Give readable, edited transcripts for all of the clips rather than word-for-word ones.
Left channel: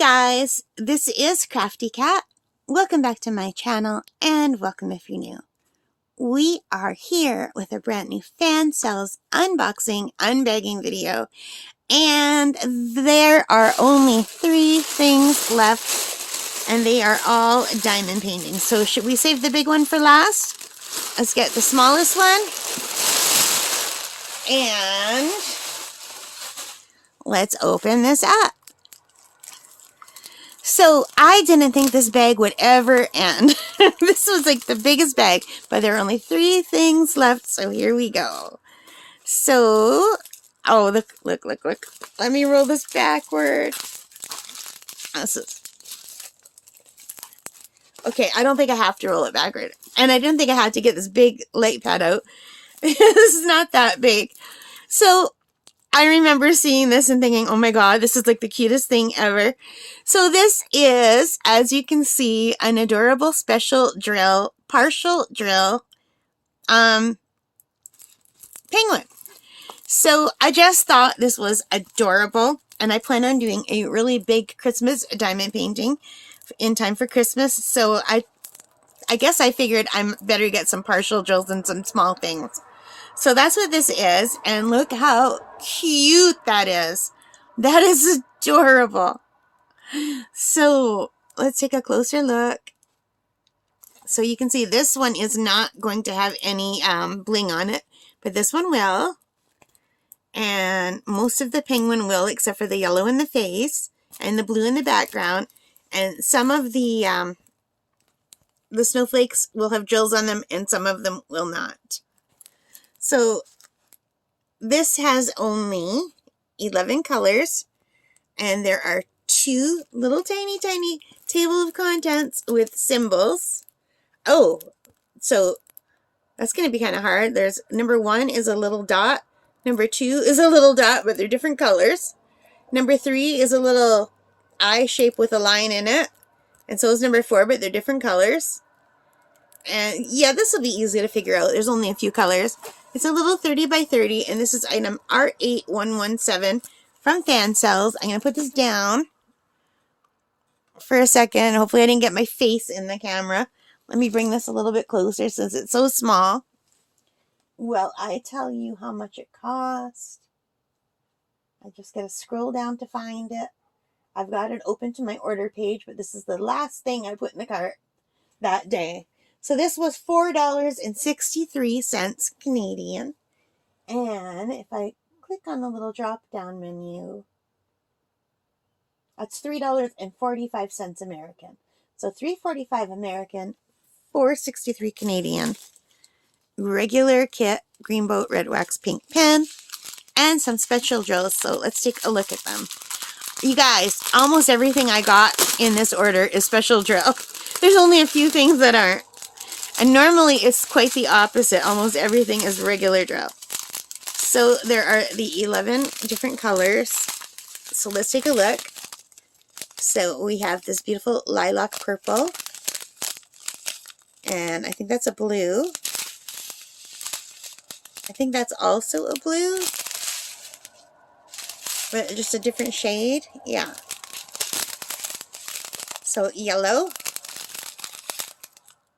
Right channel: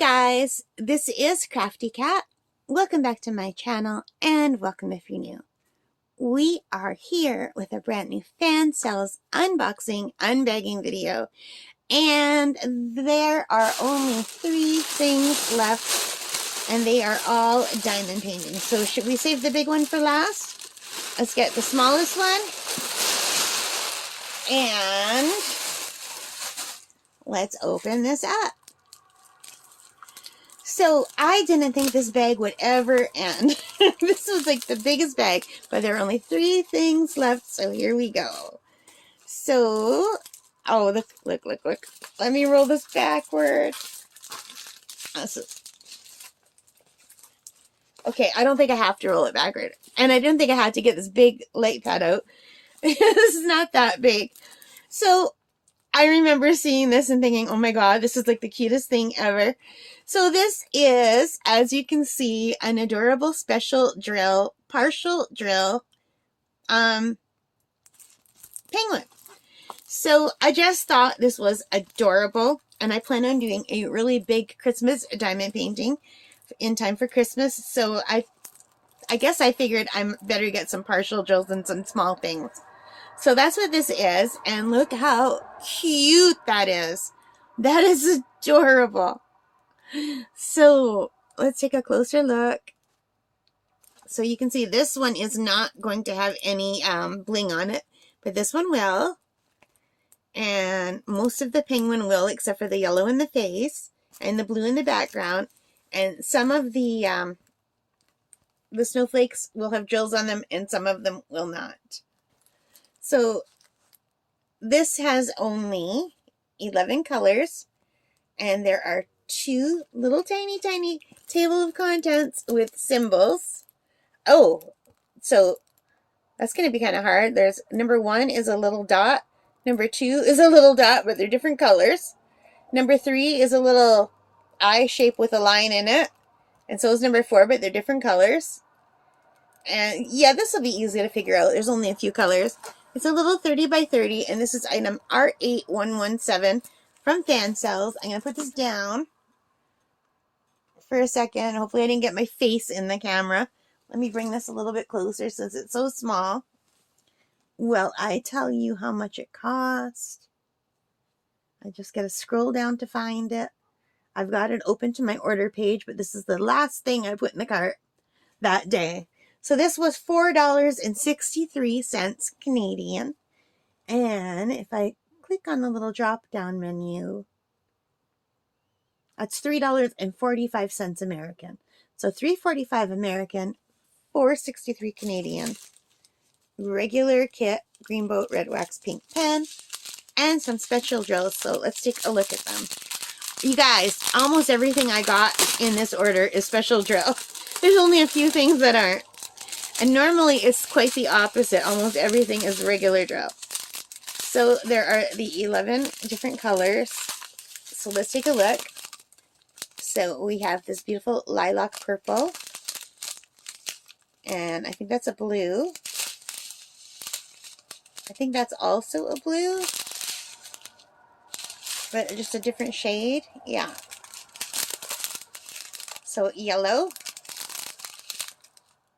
guys, this is Crafty Cat. Welcome back to my channel and welcome if you're new. We are here with a brand new fan cells unboxing, unbagging video, and there are only 3 things left and they are all diamond paintings. So should we save the big one for last? Let's get the smallest one and let's open this up. So I didn't think this bag would ever end. This was like the biggest bag, but there are only 3 things left, so here we go. So, oh, look. Let me roll this backward. Okay, I don't think I have to roll it backward. And I didn't think I had to get this big light pad out. This is not that big. So, I remember seeing this and thinking, oh my god, this is like the cutest thing ever. So this is, as you can see, an adorable special drill, partial drill, penguin. So I just thought this was adorable, and I plan on doing a really big Christmas diamond painting in time for Christmas. So I guess I figured I better get some partial drills and some small things. So that's what this is, and look how cute that is. That is adorable. So let's take a closer look. So you can see this one is not going to have any bling on it, but this one will. And most of the penguin will, except for the yellow in the face and the blue in the background. And some of the snowflakes will have drills on them, and some of them will not. So this has only 11 colors, and there are 2 little tiny table of contents with symbols. Oh, so that's going to be kind of hard. There's number 1 is a little dot. Number 2 is a little dot, but they're different colors. Number 3 is a little eye shape with a line in it. And so is number 4, but they're different colors. And yeah, this will be easy to figure out. There's only a few colors. It's a little 30 by 30, and this is item R8117 from Fan Cells. I'm going to put this down for a second. Hopefully I didn't get my face in the camera. Let me bring this a little bit closer since it's so small. Will I tell you how much it cost? I just got to scroll down to find it. I've got it open to my order page, but this is the last thing I put in the cart that day. So this was $4.63 Canadian. And if I click on the little drop down menu, that's $3.45 American. So $3.45 American, $4.63 Canadian. Regular kit, green boat, red wax, pink pen, and some special drills. So let's take a look at them. You guys, almost everything I got in this order is special drill. There's only a few things that aren't. And normally it's quite the opposite. Almost everything is regular drill. So there are the 11 different colors. So let's take a look. So we have this beautiful lilac purple. And I think that's a blue. I think that's also a blue. But just a different shade. Yeah. So yellow.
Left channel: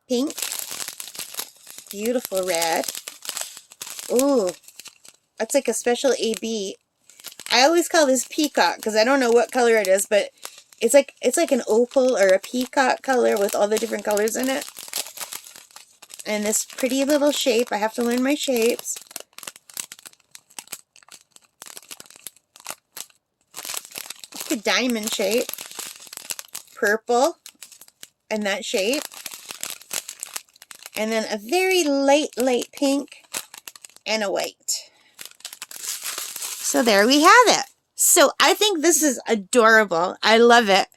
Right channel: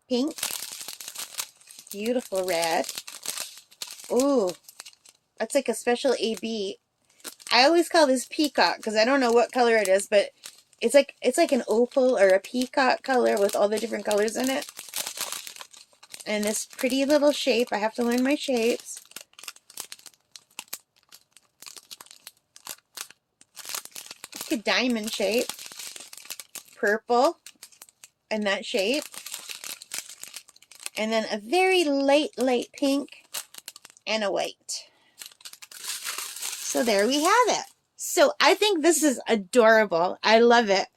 Pink. Beautiful red. Ooh, that's like a special AB. I always call this peacock because I don't know what color it is, but it's like an opal or a peacock color with all the different colors in it. And this pretty little shape. I have to learn my shapes. Like a diamond shape. Purple in that shape. And then a very light pink and a white. So there we have it. So I think this is adorable. I love it.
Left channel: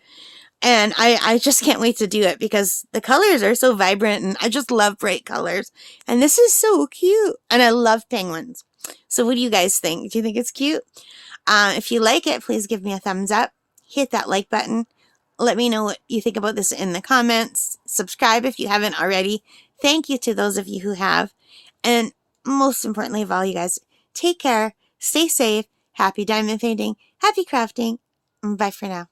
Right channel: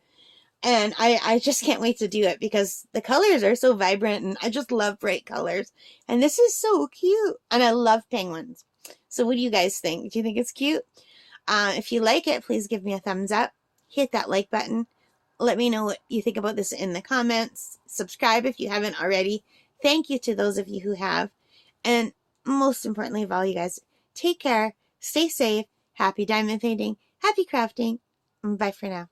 And I just can't wait to do it because the colors are so vibrant and I just love bright colors. And this is so cute. And I love penguins. So what do you guys think? Do you think it's cute? If you like it, please give me a thumbs up. Hit that like button. Let me know what you think about this in the comments. Subscribe if you haven't already. Thank you to those of you who have. And most importantly of all, you guys, take care, stay safe, happy diamond painting, happy crafting. Bye for now.